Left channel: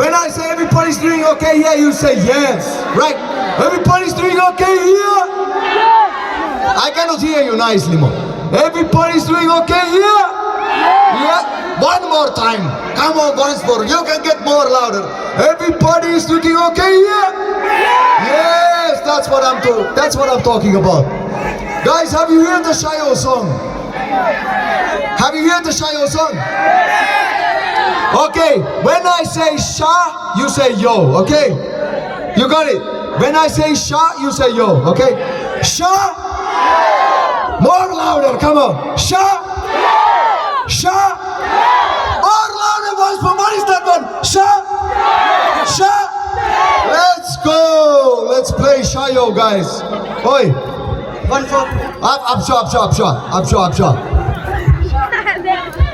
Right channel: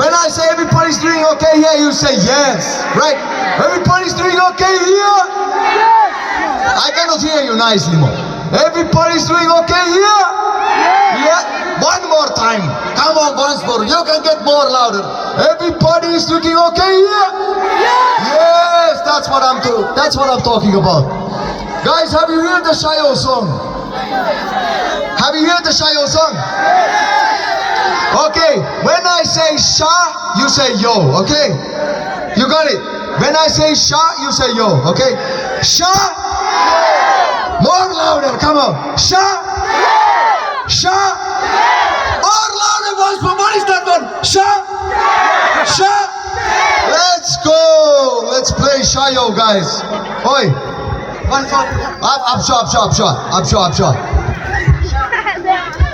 When I say everybody's doing okay here, you say yes, right? Everybody's doing okay here? Yes! I cannot hear you nicely more. Everybody's doing okay here? Yeah? One more time. Come on, once more. You can get more louder. Everybody is looking okay here? Yes, that's what I'm talking about. Guys, have you heard the Shayo song? Have you heard the Shayo song? Okay, when I say Sha, you say yo, okay? You got it? When I say Sha, you say yo, okay? Sha! More louder, come on. Sha! Sha! More louder once more. What is that one? Sha! Sha! Let's go! Let's play Shayo, guys. Oi! I'm sure.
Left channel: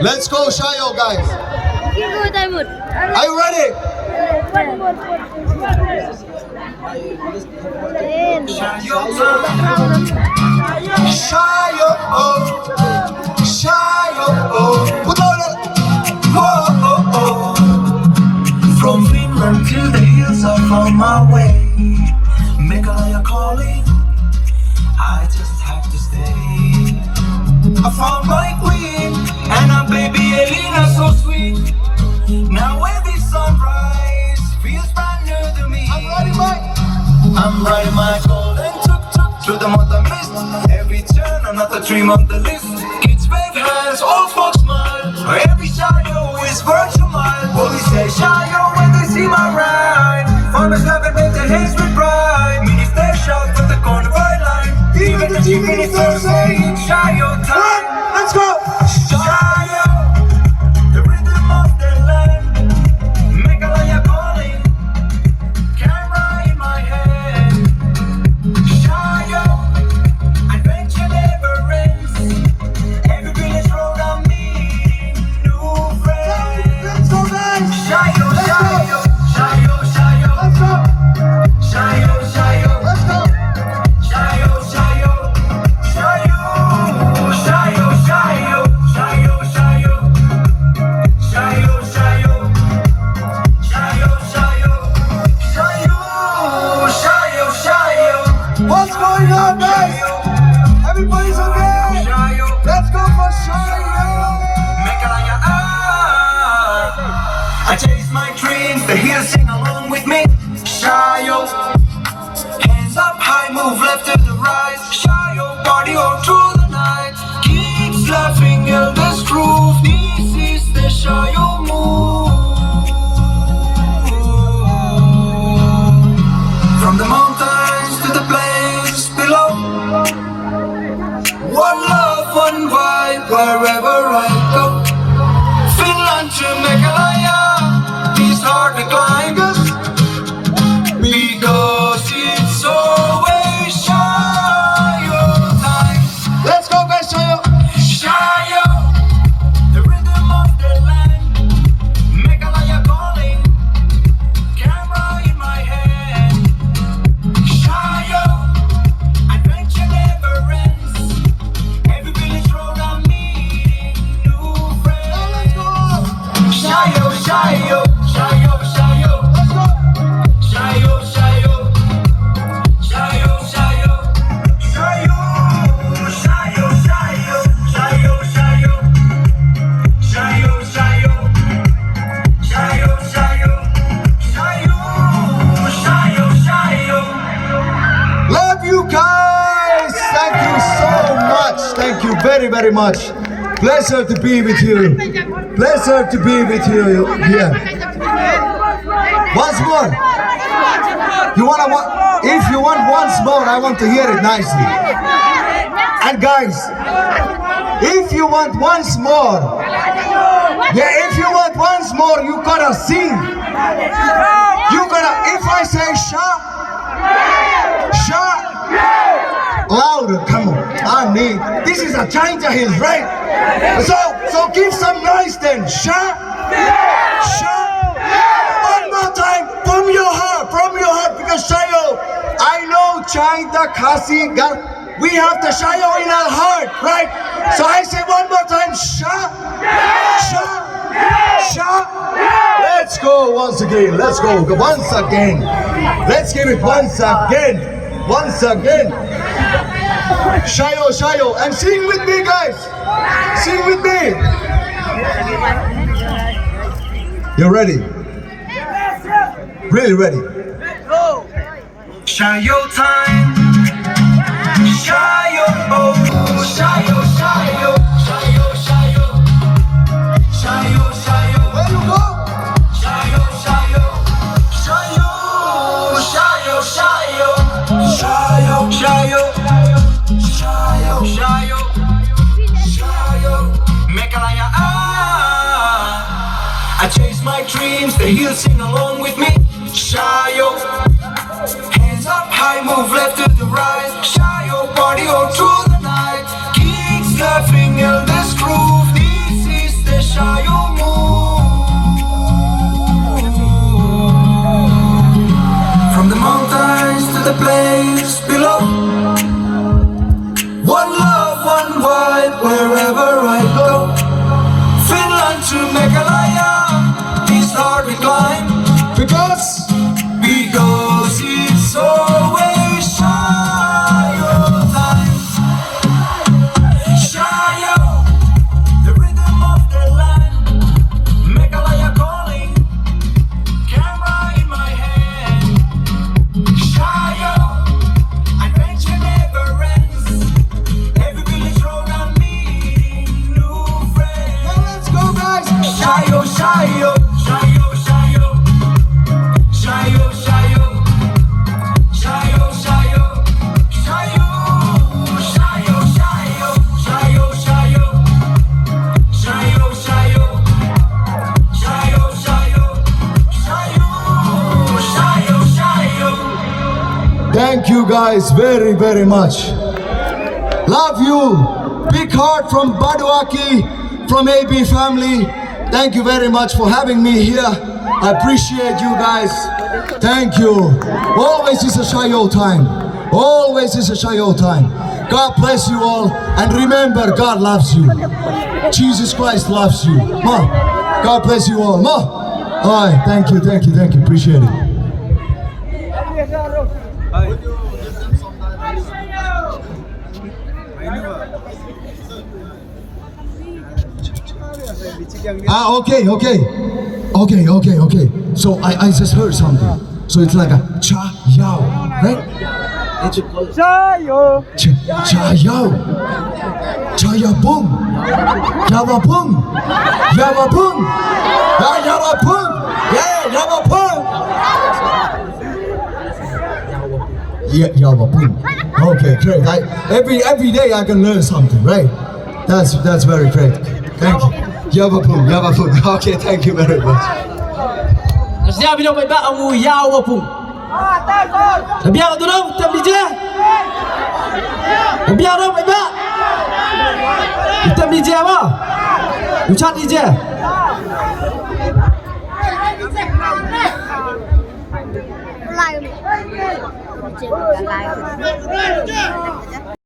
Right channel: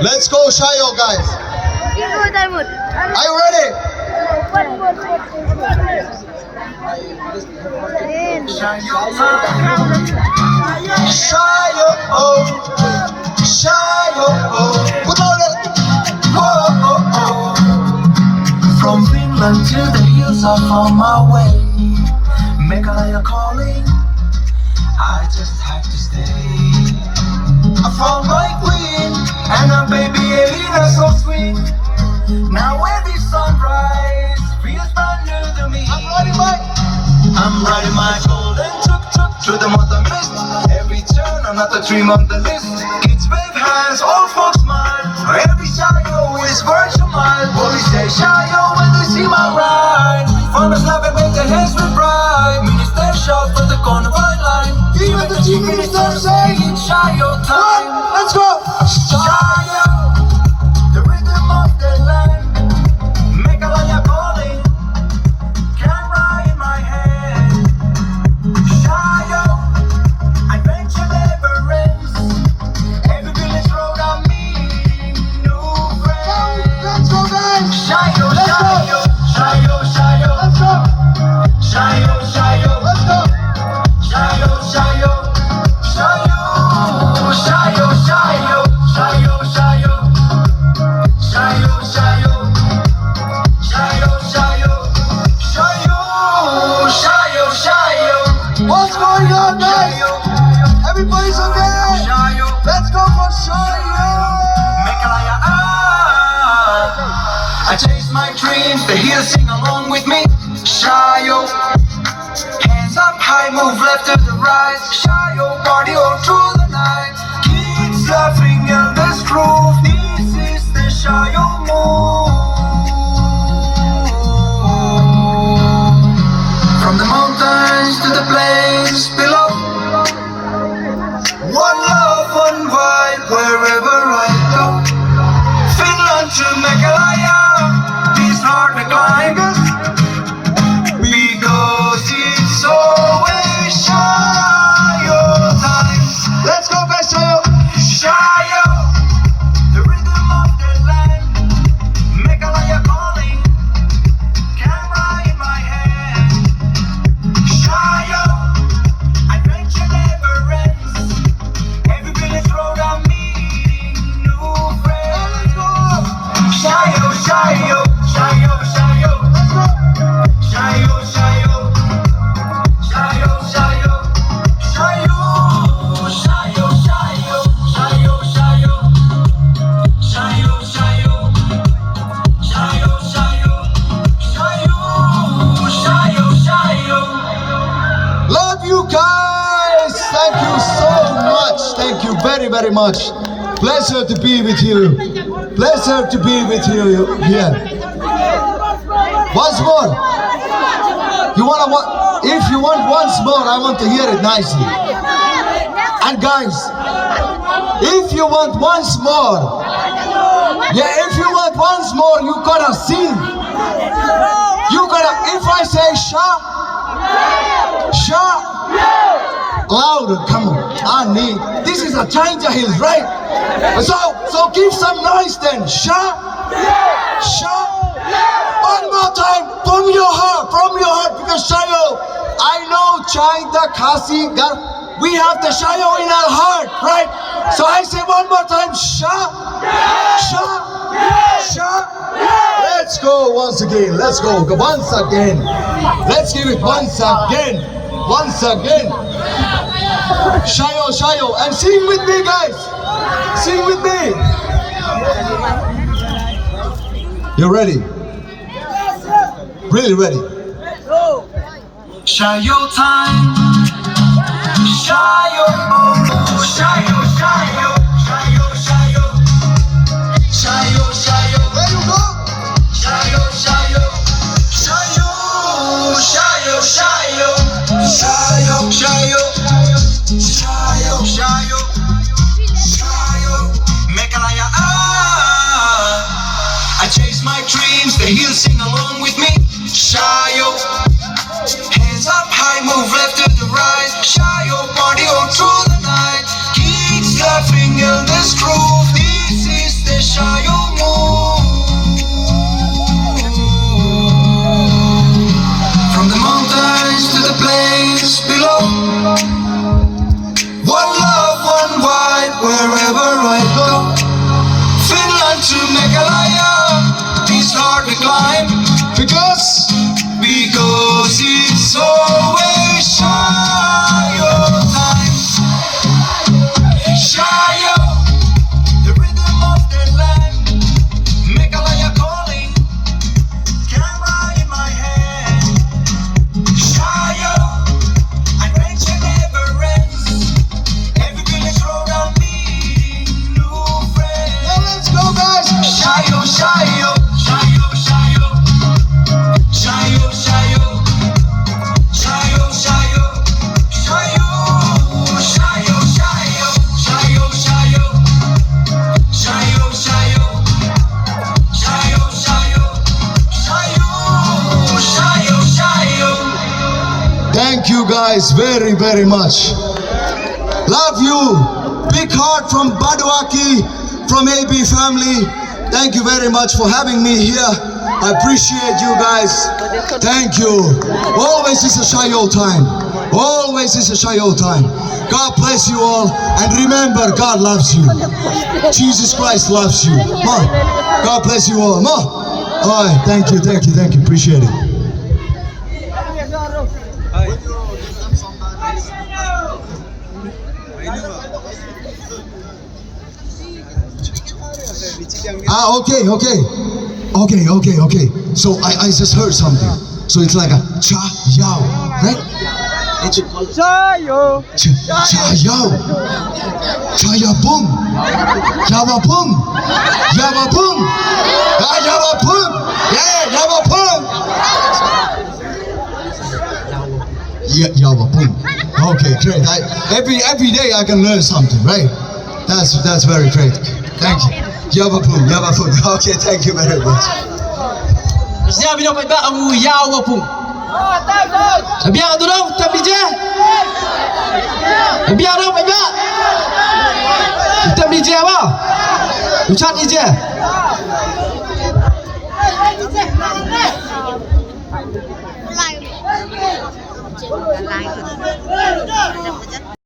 Let's go Shayo, guys. Are you ready? Shayo, oh, Shayo, oh. Put on it. Oh. From Finland to the hills, I found my way. Meghalaya calling, I just have to stay. I found my queen, and her baby Elena so sweet. Now every sunrise feels brand new to me. I'm riding my golden tuk-tuk through the mountain mist. Every turn, another dream on the list. Kids wave hands, all folks smile. Every Shayo is worth a mile. Police say Shayo when they see my ride. Farmers laugh and make their hands with pride. Ministers shout from the corner by line. Even the chief minister saying Shayo time. Let's go! Shayo, the rhythm of the land. Meghalaya calling, camera in my hand. Shayo, adventure never ends. Every village road I'm meeting new friends. Let's go, guys! Shayo, Let's go! Shayo, Shayo, Let's go! Shayo, Shayo, Let's go! Shayo, Shayo, Shayo, Shayo, Shayo, Shayo, Shayo, Shayo, Shayo, Shayo, Shayo. What's going on, guys? Everybody's okay? Let's go for Shayo! Meghalaya, I chase my dreams, the hills sing along with me. Shayo, hands up high, move left to the right. Shayo, party all through the night. Kids laughing, elders groove. This is the Shayo move. From the mountains to the plains below. One love, one vibe, wherever I go. Finland to Meghalaya, these hard to climb. Because it's always Shayo time. Let's go, guys, Shayo! Shayo, the rhythm of the land. Meghalaya calling, camera in my hand. Shayo, adventure never ends. Every village road I'm meeting new friends. Shayo, Shayo, Shayo, Shayo. Shayo, Shayo, Shayo, Shayo, Shayo, Shayo, Shayo, Shayo, Shayo, Shayo, Shayo, Shayo, Shayo. Love you guys! Thank you so much. Thank you very, very much. Pleasure to be with you. Pleasure to be with you here. Once more. If you want once more, I want to hear it nicely. And guys, if you want once more, if you want once more, you gotta sing. You gotta, if I say Sha, louder, come on. I need, this is a China Hills, right? So give some noise then. Sha. One more time, from your heart, because Shayo, I know China, Kasi, we have the Shayo in our heart, right? So I say one more time, Sha. Sha. Let's go once again. Let's go once again. Let's give it once again. Once again. Shayo, shayo, and sing with me, guys. Sing with me. You're ready? Really ready? Shayo time. Shayo, oh, shayo, shayo, shayo, shayo, shayo, shayo. There you go. Shayo, shayo, shayo, shayo, shayo, shayo, shayo, shayo, shayo, shayo. Mekalaya, I chase my dreams, the hills sing along with me. Shayo, hands up high, move left to the right. Shayo, party on through the night. Kicks laughing in this groove. This is the Shayo move. From the mountains to the plains below. One love, one white, wherever I go. Finland to Meghalaya, this hard we climb. Because It's always Shayo time. Shayo, the rhythm of the land. Meghalaya calling, camera in my hand. Shayo, adventure never ends. Every village road I'm meeting new friends. now let's go, guys. Shayo, shayo, shayo, shayo, shayo, shayo, shayo, shayo, shayo, shayo, shayo, shayo, shayo, shayo, shayo, shayo, shayo, shayo. Thank you guys very, very much. Love you. Big heart from Baduaki, from AB family. Thank you very much for having me here. I appreciate you guys. Thank you. Always is a Shayo time. Always is a Shayo time. God bless you all. And remember, God loves you. Jesus Christ loves you. Ma, God bless you all. Ma. All right. Thank you. Thank you. Thank you. Appreciate it. Okay. So I just heard something. So it's like a cha yao, right? It's Shayo. cha yao, cha ya boom, yawa boom, yawa boom, yawa boom, yeah, yawa boom, yeah, yawa boom. Okay, great. Every day I can learn something, right? That's very great. Thank you. Yawa boom, yawa boom. Okay, thank you very much. Siya bilang kay ba ang uyao wapung. Sabiya tu dong, tapi je. Sabiya dong kay ba. Tapi je apa? Ucat je. Live.